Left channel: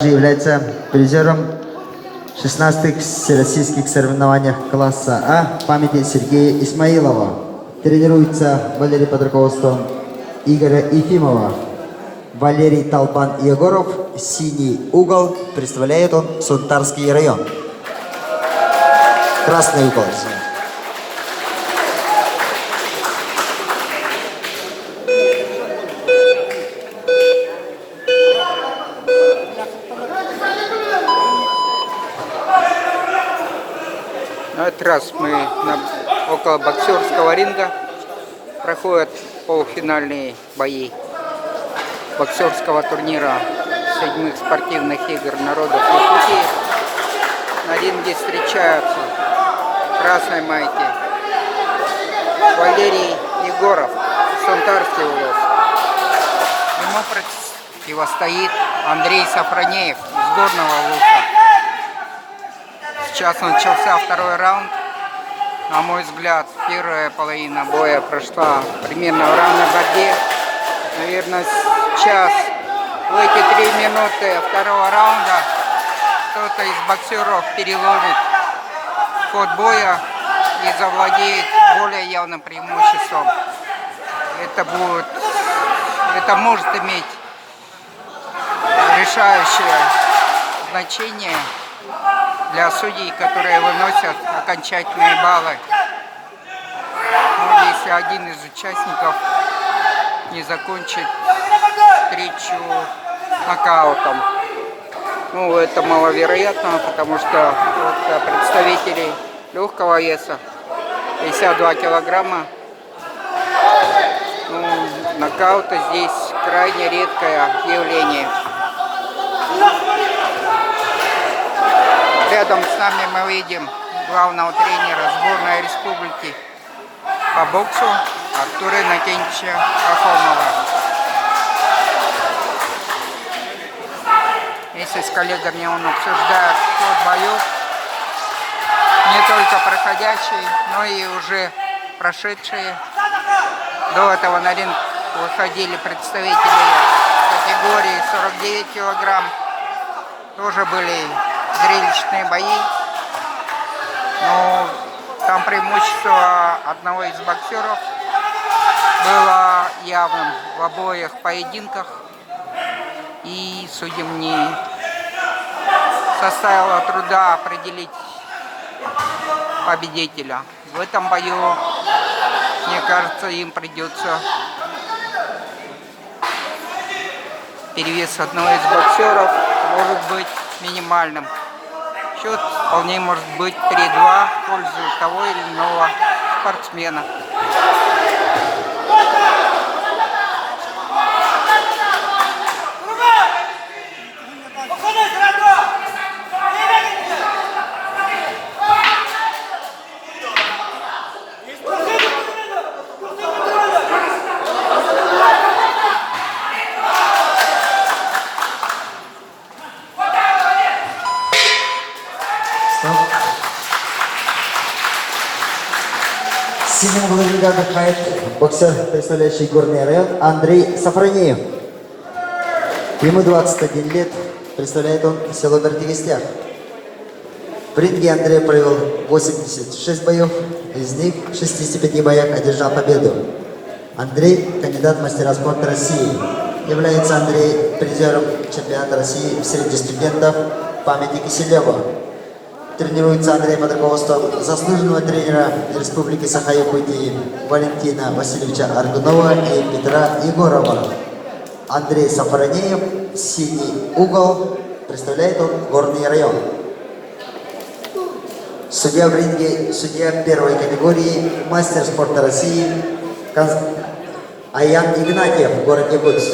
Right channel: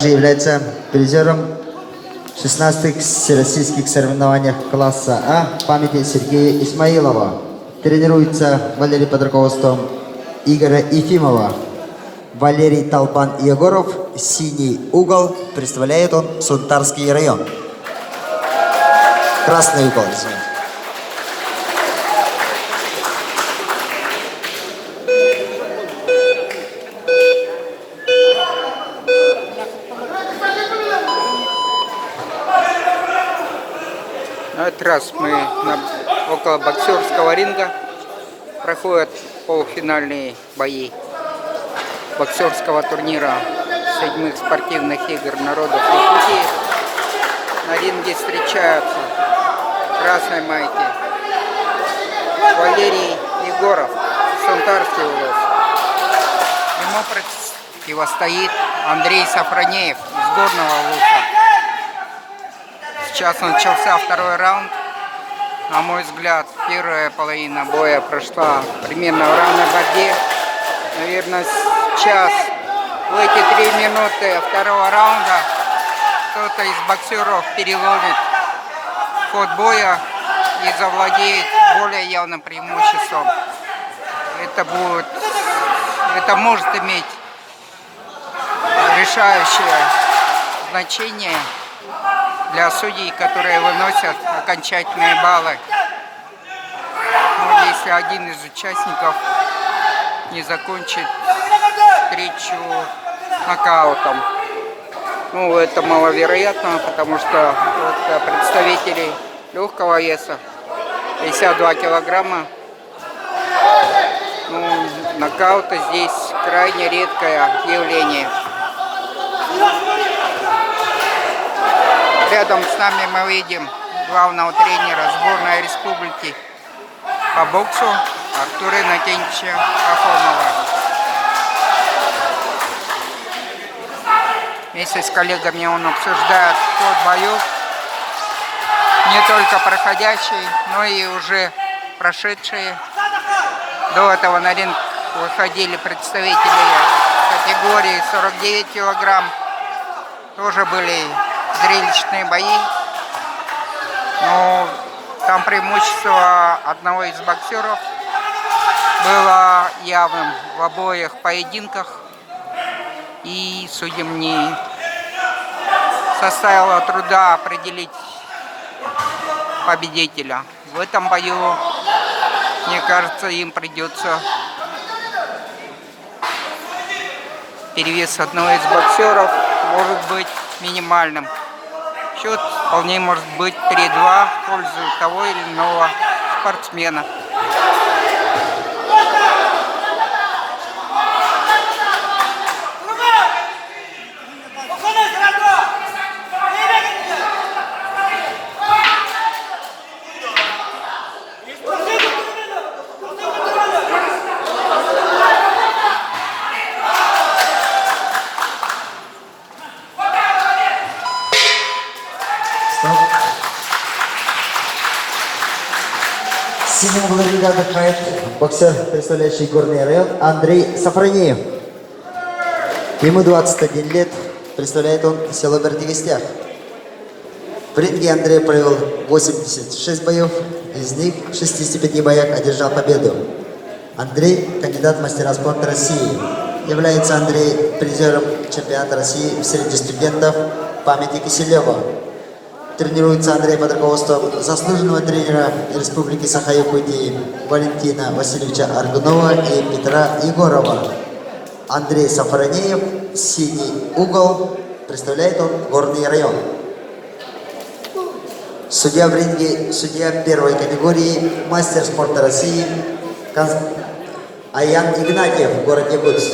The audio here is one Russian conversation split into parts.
Является призером 16-х всероссийских соревнований класса А памяти Сергея Исмаилова. Тренируется Валерий под руководством Игоря Ефимова. Валерий Толпан Егоров, синий угол, представляет он Сунтарский район. Красный угол, извините. На этот раз мы около боксерского ринга. Проходят полуфинальные бои боксерского турнира 7-х спортивных игр народов Якутии. На ринге встречаются в красной майке Валерий Егоров, Сунтарский улус. Ему противостоит Андрей Сафронеев из Горного улуса. Сейчас начался второй раунд. На мой взгляд, первая половина боя прошла примерно в равной борьбе. Наверное, сейчас, в эти 3 минуты второго раунда, кто-то из боксеров переломит ход боя и завладеет более явным преимуществом. Это может иметь решающее значение для судей, которые выносят окончательные баллы. Но если один из участников не закончит встречу нокаутом. Ну, это маловероятно, потому что вот представители легкого веса, 52 килограмма, ну, нокаута здесь крайне редкое явление. Рядом с нами мы видим главного тренера сборной республики по боксу Артура Иннокентьевича Пахомова. Вместе с коллегами он обсуждает ход боев, не только проходящие, но и уже прошедшие. До этого на ринг выходили представители категории 49 килограмм. Тоже были зрелищные бои, но там преимущество одного из боксеров было явным в обоих поединках, и судьям не составило труда определить победителя. В этом бою, мне кажется, им придется перевес одного из боксеров может быть минимальным. Счет вполне может быть 3-2 в пользу того или иного спортсмена. Синим углом ринга отдыхает боксер, представляющий Горный район, Андрей Сафронеев. Ему 21 лет, представляет он село Бердивистяк. В ринге Андрей провел 86 боев, из них в 65 боях одержал победу. Андрей – кандидат в мастера спорта России. Является Андрей призером чемпионата России среди студентов памяти Киселева. Тренируется Андрей под руководством заслуженного тренера Республики Саха-Якутии Валентина Васильевича Ардунова и Петра Егорова. Андрей Сафронеев, синий угол, представляет он Горный район. Судья в ринге, судья первой категории, мастер спорта России Аян Игнатьев в городе Бутс.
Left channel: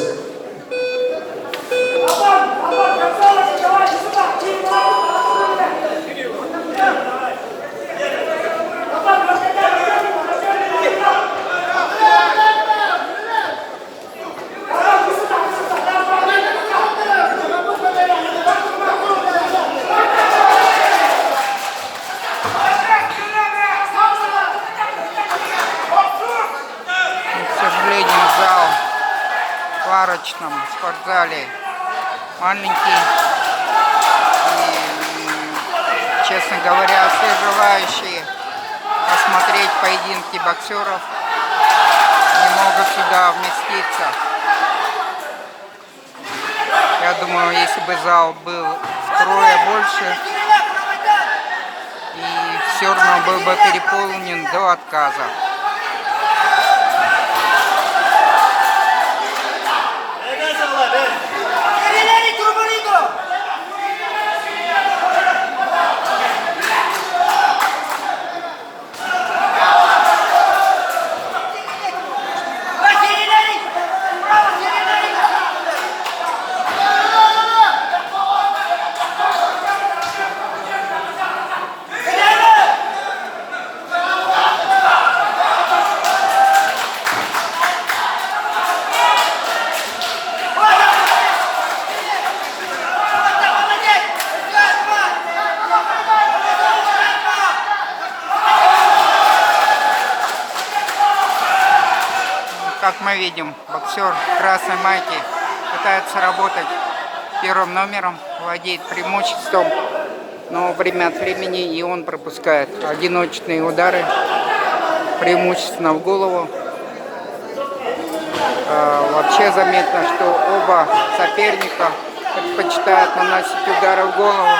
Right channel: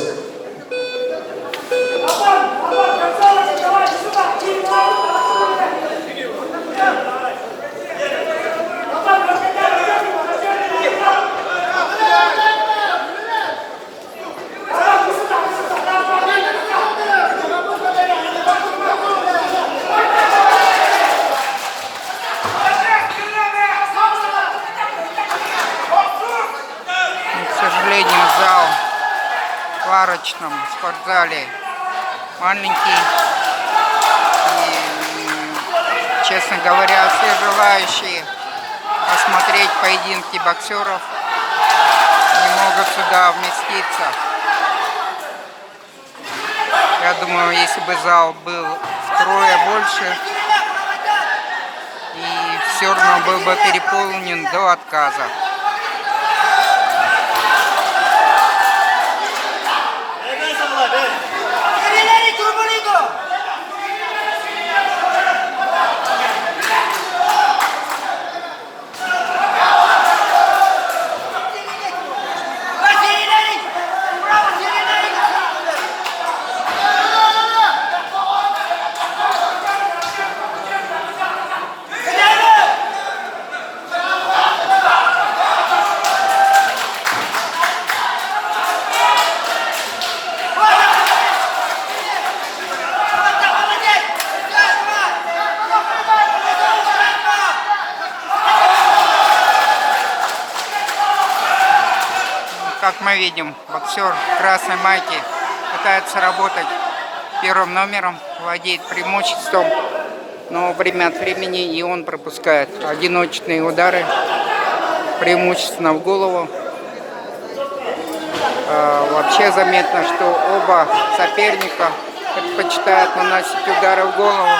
К сожалению, зал в сварочном спортзале маленький, честно говоря, все желающие посмотреть поединки боксеров не могут сюда вместиться. Я думаю, если бы зал был втрое больше, и все равно был бы переполнен до отказа. Как мы видим, боксер в красной майке пытается работать первым номером, владеет преимуществом, но время от времени и он пропускает одиночные удары, преимущественно в голову. Вообще заметно, что оба соперника предпочитают наносить удары в голову.